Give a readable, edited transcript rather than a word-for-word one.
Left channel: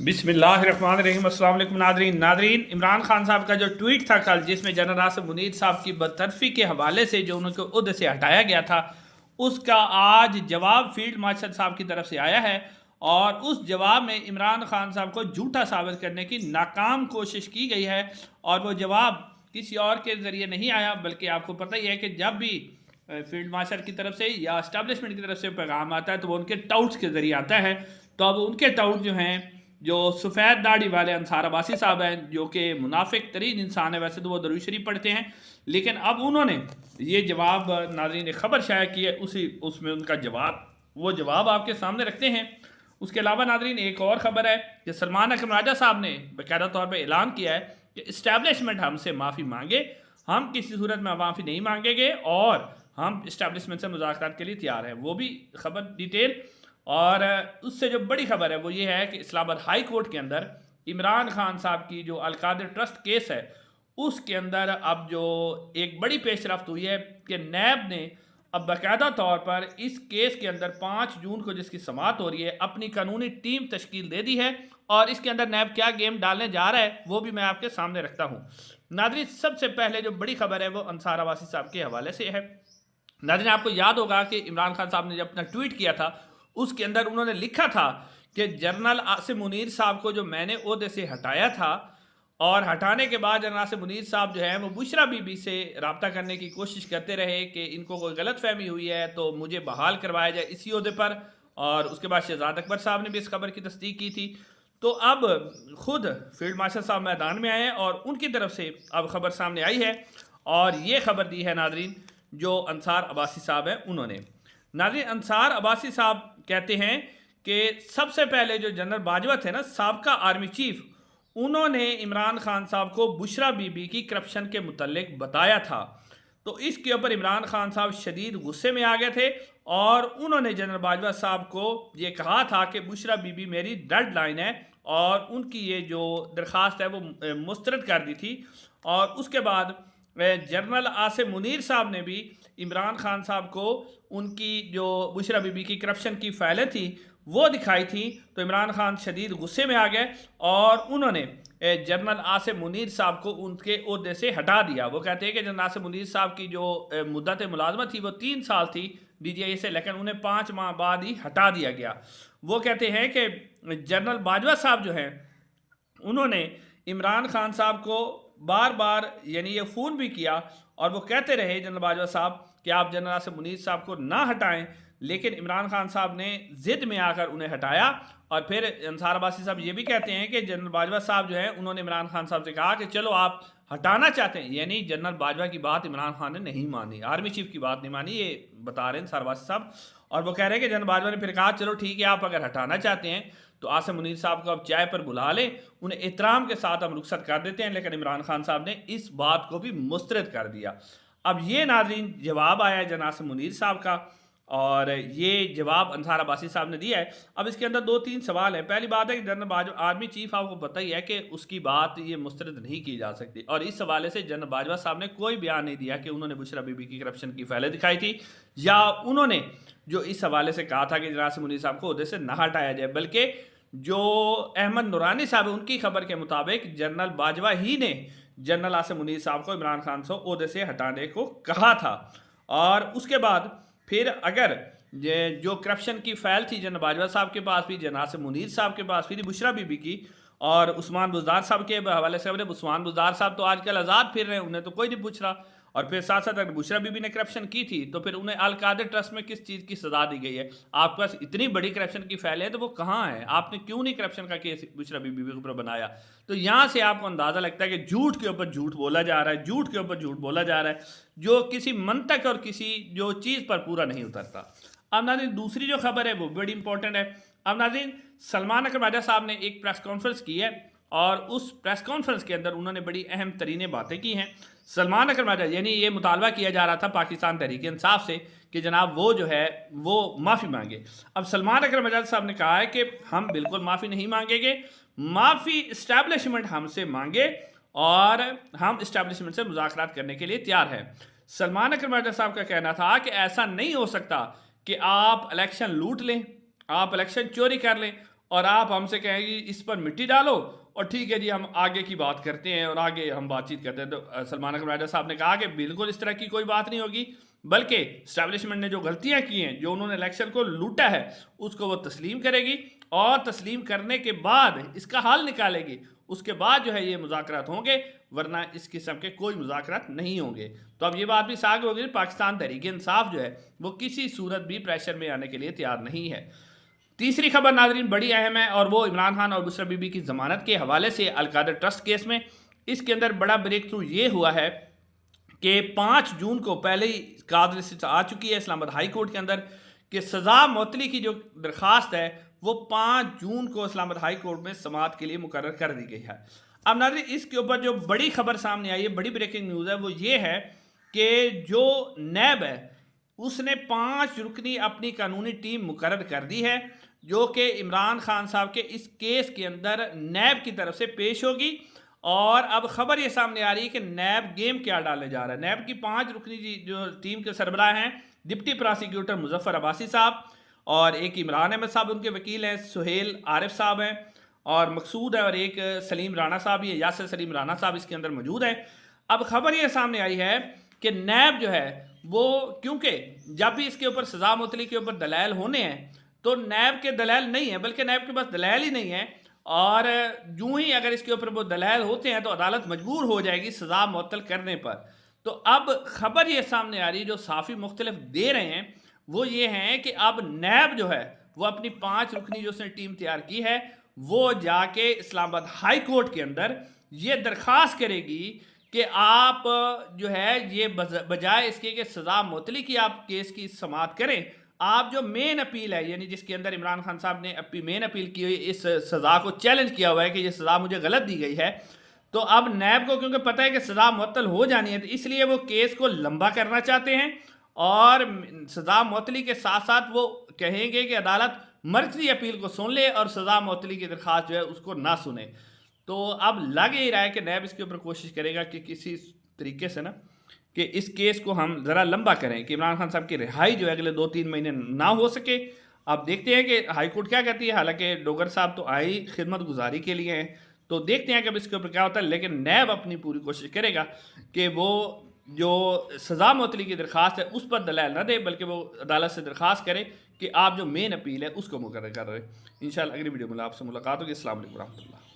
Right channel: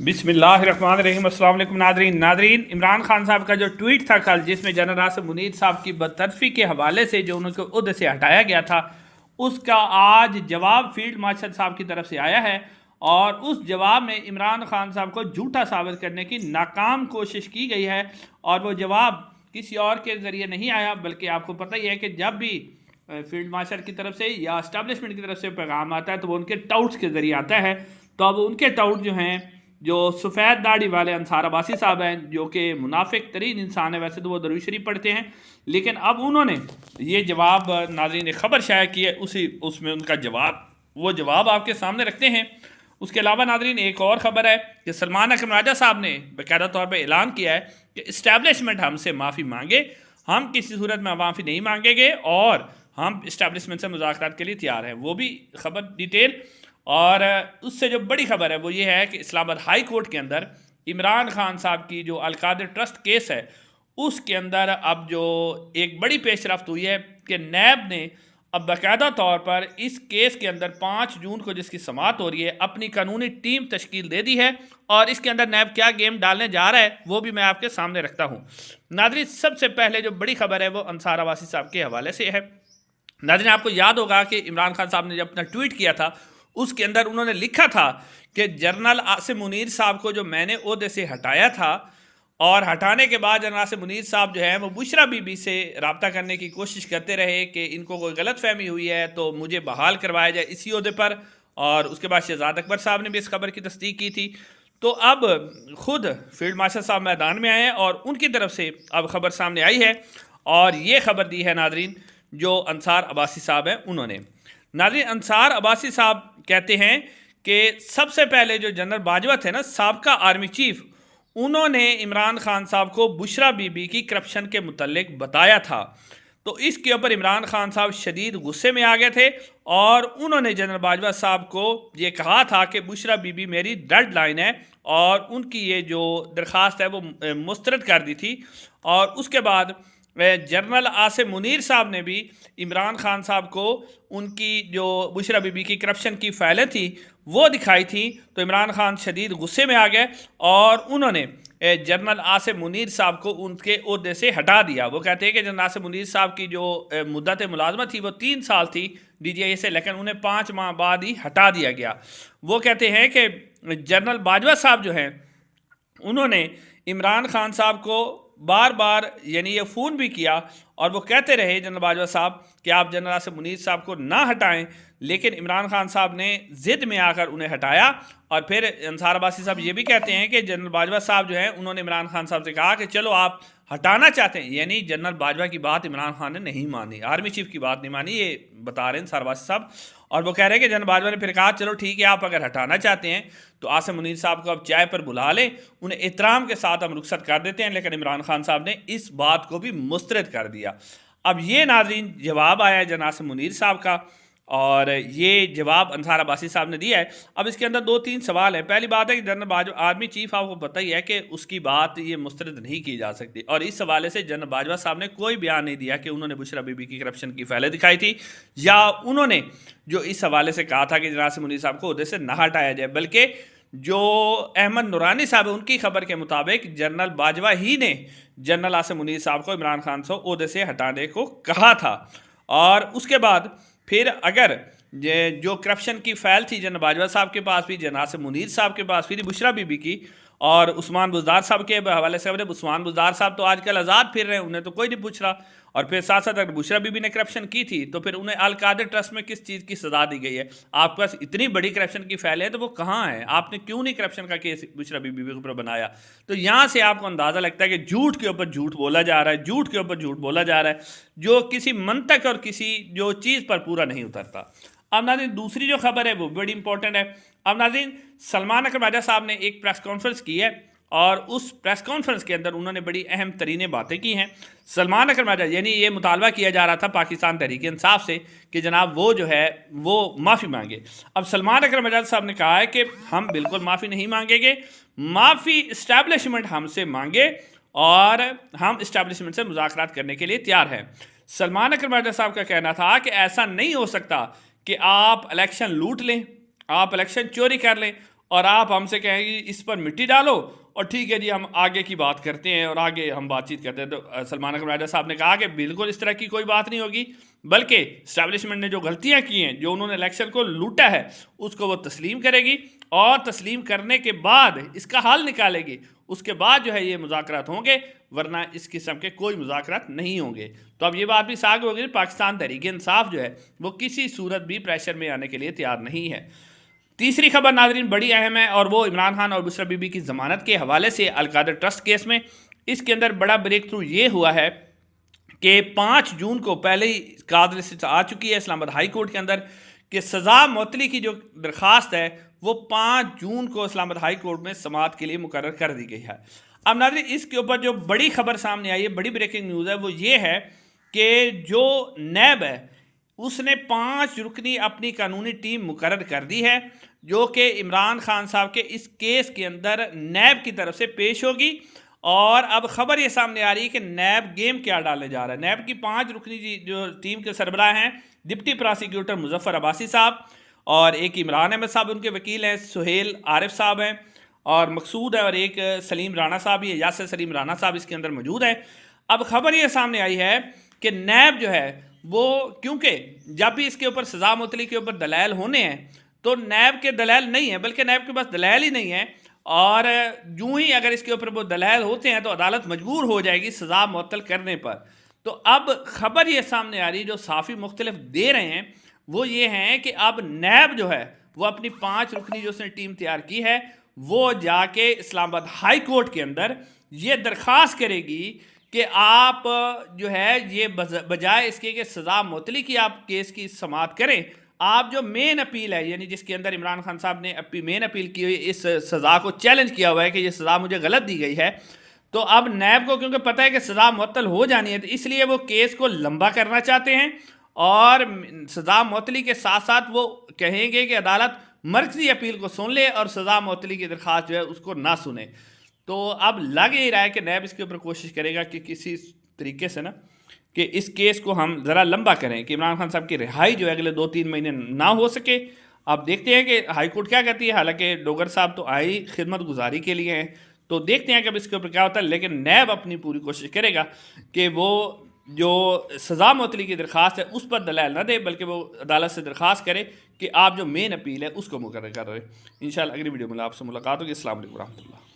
بسم اللہ الرحمن الرحیم۔ السلام علیکم ناظرین عمران خان صاحب کا جو ٹویٹ تھا کل، جس میں جنرل آصف منیر صاحب کی برطرفی کے حوالے سے جو ان کو عہدے سے ہٹایا گیا تھا، اس کا آج جواب فیلڈ مارشل صاحب کی طرف سے آیا ہے، اور اس جواب میں عمران خان صاحب کو جھوٹا ثابت کرنے کی ناکام کوشش کی گئی ہے، اور وہ جواب کسی اور کے ذریعے نہیں آیا، بلکہ آپ کو پتہ ہی ہے کہ جب بھی فیلڈ مارشل کی طرف سے یا اسٹیبلشمنٹ کی طرف سے پیغام آتا ہے تو وہ ان کے ٹاؤٹس کے ذریعے آتا ہے۔ تو اب ان کے ٹاؤٹ جو ہیں، جو سفید داڑھی والے انصار عباسی صاحب ہیں، جو کہ منافق ترین انسان ہے، ویسے تو وہ درود شریف پڑھتے ہیں، لیکن اب انہوں نے یہ جواب، ناظرین نے خبر شائع کی ہے، اس میں ان کا جواب، وہ جواب آپ کے سامنے رکھتے ہیں۔ اس کے علاوہ ناظرین ایک اور خبر ہے کہ سلمان اکرم راجہ صاحب نے باقاعدہ طور پہ اعلان کیا ہے کہ اسٹیبلشمنٹ ہم سے معافی مانگے، ہم کسی صورت میں معافی نہیں مانگیں گے، اور ہم اسٹیبلشمنٹ سے مذاکرات کے لیے تیار ہیں۔ وہ بھی خبر ڈیٹیل، اور اس سے جو بڑی خبر ہے وہ یہ ہے کہ اسلام آباد ہائی کورٹ کے اندر عمران خان صاحب کی جو القادر ٹرسٹ کیس ہے، اس کے اندر اب جو ایک بڑی پیش رفت ہوئی ہے کہ نیب نے اب باقاعدہ طور پر اس کیس کے اندر 5 جون کو جس کی سماعت ہو رہی ہے، اپنی قانونی ٹیم تشکیل دے دی ہے، اور اس کے اندر نیب کیا گیم ڈالنے جا رہا ہے وہ بھی میں آپ کے سامنے رکھتا ہوں۔ ناظرین سب سے پہلے جو بڑی خبر ہے وہ انصار عباسی صاحب کے حوالے سے ہے۔ ناظرین آپ کو یاد ہوگا کہ عمران خان صاحب نے جب اپنا ٹویٹ کیا تھا، اس کے اندر انہوں نے لکھا تھا کہ جنرل آصف منیر صاحب کو جو میں نے عہدے سے ہٹایا تھا، اور ہٹانے کے بعد جنرل آصف منیر صاحب جو ہے وہ بشرا بی بی سے رابطہ کرنے کی کوشش کرتے رہے کہ ان کو کوئی غلط فہمی ہوئی ہے تو مجھے بحال کروایا جائے اسی عہدے پر، اور اس کے بعد شہزاد اکبر صاحب نے بھی اس خبر کی تصدیق کی تھی۔ تو اب خود فیلڈ مارشل صاحب میدان میں آئے ہیں، اور ان کی طرف سے اب خبر سامنے آئی ہے، اور یہ خبر دی ہے ناظرین جو انصار عباسی صاحب ہیں انہوں نے۔ ناظرین انصار عباسی صاحب کہتے ہیں کہ سب سے پہلے جو جنرل باجوہ تھے نا، سابقہ آرمی چیف، انہوں نے عمران خان صاحب کو بشرا بی بی کی کرپشن کے متعلق بتایا تھا، تو اس کے اوپر عمران خان صاحب شدید غصے میں آ گئے تھے، اور انہوں نے جنرل باجوہ صاحب کو یہ کہا تھا کہ بشرا بی بی میری ڈیڈ لائن ہے، اور ان کی یہ جو درخواست ہے وہ مسترد کر دی تھی۔ اور اس کے بعد جنرل آصف منیر صاحب نے بھی عمران خان صاحب کو ان کی جو بشرا بی بی کی کرپشن کی فائلیں تھیں وہ دکھائی تھیں، تو عمران خان شدید غصے میں آ گئے، اور انہوں نے جنرل آصف منیر صاحب کو ان کے عہدے سے ہٹا دیا۔ وہ کہتے ہیں کہ جنرل آصف منیر صاحب کی جو مدت ملازمت تھی وہ 3 سال تھی ڈی جی آئی سے، لیکن انہیں 5 ماہ بعد ہی ہٹا دیا گیا۔ وہ کہتے ہیں کہ جنرل باجوہ صاحب جو ہیں انہوں نے عمران خان صاحب کو بار بار یہ فون بھی کیا، اور وہ کہتے رہے جنرل باجوہ صاحب کہ آپ جنرل آصف منیر صاحب کو نہ ہٹائیں، لیکن عمران خان صاحب نے ضد میں آ کر انہیں ہٹایا۔ اور پھر انصار عباسی صاحب یہ بھی کہتے ہیں کہ جنرل باجوہ صاحب جو ہیں انہوں نے عمران خان صاحب سے کہا کہ چلو آپ ہٹانا چاہتے ہیں، یعنی جنرل باجوہ کی بات عمران خان نے نہیں مانی، آرمی چیف کی بات نہیں مانی، یہ بتا رہے ہیں انصار عباسی صاحب۔ اور وہ کہہ رہے ہیں کہ جنرل باجوہ نے پھر کہا چلو ٹھیک ہے، آپ اگر ہٹانا چاہتے ہیں تو آصف منیر صاحب کو اب چائے پر بلا لیں، انہیں احترام کے ساتھ ہم رخصت کر دیتے ہیں، لیکن عمران خان صاحب نے اس بات کو بھی مسترد کر دیا۔ اب یہ ناظرین جواب آیا ہے جنرل آصف منیر صاحب کا، اور یہ جواب انصار عباسی صاحب نے دیا ہے۔ اب اس کے اندر 2-3 سوال ہیں۔ پہلی بات ہے کہ جنرل باجوہ آرمی چیف، آپ کو پتہ ہی ہے کہ اس کی بات یہ مسترد نہیں کی جا سکتی، اور اس حوالے سے جنرل باجوہ صاحب نے کوئی بیان نہیں دیا کہ انہوں نے بشرا بی بی کی کرپشن کی فائلیں دکھائی تھی، یا انہوں نے جو اس حوالے سے کہا تھا کہ جنرل آصف منیر صاحب کو عہدے سے نہ ہٹایا جائے، بلکہ جو احمد نورانی صاحب ان کی خبر کے مطابق جنرل باجوہ ہی نے جنرل آصف منیر صاحب کو عمران خان سے عہدے سے ہٹانے کو کہا تھا۔ اور اس کے بعد پھر اگر جو کرپشن کی فائل تھی جنرل باجوہ صاحب کے پاس بھی، جنرل آصف منیر صاحب کے پاس بھی، بشرا بی بی کی، اور عثمان بزدار صاحب کے حوالے سے عثمان بزدار صاحب تو آج کل آزاد پھر رہے ہیں، انہیں تو کوئی نہیں پوچھ رہا، اور پھر ساتھ ساتھ اگر بشرا بی بی نے کرپشن کی تھی تو پھر انہیں القادر ٹرسٹ میں کس چیز کی سزا دی گئی ہے؟ آپ کے پاس اتنی بڑی کرپشن کی فائل ہے تو وہ کہاں ہے؟ آپ نے کیوں نہیں کرپشن کا کیس بشرا بی بی کے اوپر بنایا؟ تو یہاں سے آپ کو اندازہ لگتا ہے کہ جھوٹ کے اوپر جھوٹ بولا جا رہا ہے، جھوٹ کے اوپر جھوٹ بولا جا رہا ہے، جو کسی منطق اور کسی جو چیز پر پورا نہیں اترتا۔ اب ناظرین دوسری جو خبر ہے وہ بڑی امپورٹنٹ ہے۔ اب ناظرین سلمان اکرم راجہ صاحب نے ایک پریس کانفرنس کی ہے، اور اس پریس کانفرنس کے اندر انہوں نے بڑی اہم ترین باتیں کی ہیں۔ سلمان اکرم راجہ یہ مطالبہ کیا جا رہا تھا پاکستان تحریک انصاف سے کہ جناب وہ جو ہے وہ معافی مانگے۔ اب سلمان اکرم راجہ صاحب نے کہا ہے کہ ہم بالکل معافی نہیں مانگیں گے، معافی اسٹیبلشمنٹ ہم سے مانگے، اور ہم اسٹیبلشمنٹ سے مذاکرات کرنے کے لیے تیار ہیں۔ سلمان اکرم راجہ صاحب کا کہنا تھا کہ ایسا نہیں ہو سکتا کہ آپ الیکشن لوٹ لیں، آپ الیکشن چوری کر لیں، اور آپ ہم سے کہیں گے اس پر مٹی ڈالو اور ٹھیک ہے جی ہم آگے کی بات کرتے ہیں اور آگے ہم بات چیت کرتے ہیں. تو سلمان اکرم راجہ صاحب نے کہا کہ بالکل اس طرح کی کوئی بات نہیں ہوگی، بلکہ اسٹیبلشمنٹ نے جو غلطیاں کی ہیں، جو انہوں نے الیکشن کو لوٹا ہے، اس کو وہ تسلیم کرے گی اور تسلیم کرنے کے بعد اس کا حل نکالے گی. اس کے بعد جو ہے یہ مذاکرات ہوں گے، ورنہ اس قسم کے کوئی مذاکرات نہیں ہوں گے. تو اب یہ بات بھی ساغ ہو گئی، پاکستان تحریک انصاف جو ہے وہ کسی صورت بھی پریشر میں آنے کے لیے تیار نہیں ہے. تیسری خبر ناظرین بڑی اہم ہے، اور وہ عمران خان اور بشرا بی بی کی ضمانت کے حوالے سے القادر ٹرسٹ کیس میں. اس کے اندر بڑا بریک تھرو یہ ہوا ہے کہ 5 جون کو پہلے ہی قادر سے آ چکی ہے اسلام آباد ہائی کورٹ کے اندر کہ سزا معطلی کی جو درخواست ہے وہ 5 جون کو اسلام آباد ہائی کورٹ میں سماعت کے لیے مقرر کر دی گئی ہے. اب ناظرین اس کے اوپر جو بڑی خبر سامنے آئی ہے، بڑی بریکنگ نیوز ہے، وہ یہ ہے کہ جو نیب ہے اس نے 5 رکنی اپنی قانونی ٹیم مقرر کر دی ہے، جو کہ عمران خان صاحب کے اس کیس کے اندر نیب کی طرف سے پیش ہوگی. اور اب خبر یہ سامنے آ رہی ہے کہ نیب گیم کیا ڈالنے جا رہا ہے. نیب کی 5 رکنی جو ٹیم کے سربراہ ہیں، ڈپٹی پراسیکیوٹر مظفر عباسی صاحب، اور ایک عمران احمد صاحب ان کے وکیل ہیں، سہیل عارف صاحب ہیں، اور مقصود ہے، اور ایک سلیم رانا صاحب ہی ہے، یاسر سلیم رانا صاحب اس کے اندر موجود ہے. اب خبر یہ سامنے آئی ہے کہ نیب جو ہے وہ، کیونکہ جب بھی اس کے اوپر سزا معطلی کے اوپر دلائل ہونے ہیں تو نیب کے دلائل نہیں ہیں، بلکہ نیب کے پاس دلائل ہی نہیں ہیں، اور یوں ہی اگر اس کے اوپر وہ دلائل ہوتے ہیں تو عدالت مجبور ہو جائے گی سزا معطل کرنے پر. تو اب خبر یہ سامنے آ رہی جو صحافی مختلف دے رہے ہیں وہ یہ ہیں کہ اب نیب جو ہے وہ اپنی 5 رکنی جو اس نے ٹیم تیار کی ہے وہ جا کے اسلام آباد ہائی کورٹ کے اندر یہ درخواست کرے گی کہ آپ جو ہے یہ بجائے اس کے کہ سزا معطلی کی آپ کیس کی سماعت کریں، آپ جو مین اپیل ہے، یعنی جس کے اندر عمران خان صاحب نے مین اپیل کی ہوئی، اس سزا کو چیلنج کیا ہوا ہے کہ یہ سزا مجھے غلط دی گئی ہے، تو اب نیب کو کیونکہ پتہ ہے کہ سزا معطل ہو جانی ہے تو اس لیے وہ کیس کو لمبا کرنا چاہتے ہیں، اور سزا معطلی کے ساتھ ساتھ وہ کہیں گے کہ عدالت مرکزی اپیل کو سن لے اور سزا معطلی کی درخواست جو ہے اس کو نہ سنے. تو اب لگ ہی رہا ہے کہ نیب اس کے اوپر کوشش کرے گا کہ کسی طریقے سے نا کہ اس کیس کو ہم ذرا لمبا کریں کہ عمران خان صاحب کی رہائی جو ہے اگلے 2-3 مہینے نہ ہو سکے. اب دیکھتے ہیں کہ ہائی کورٹ کیا کہتی ہے، حالانکہ ڈوگر صاحب تو آئی خدمت گزاری کے لیے ہیں، تو دیکھتے ہیں کہ اب اس کے اوپر کیا ہوتا ہے. لیکن نیب اپنی پوری کوشش کرے گا کہ وہ جو سزا معطلی کی درخواست ہے اس پر دلائل نہ دے، بلکہ وہ عدالت سے درخواست کرے کہ آپ جو مین اپیل ہے اس کو مقرر کر رہے ہیں. انشاءاللہ اگلی ویڈیو میں آپ سے ملاقات ہوگی. السلام علیکم ورحمۃ اللہ.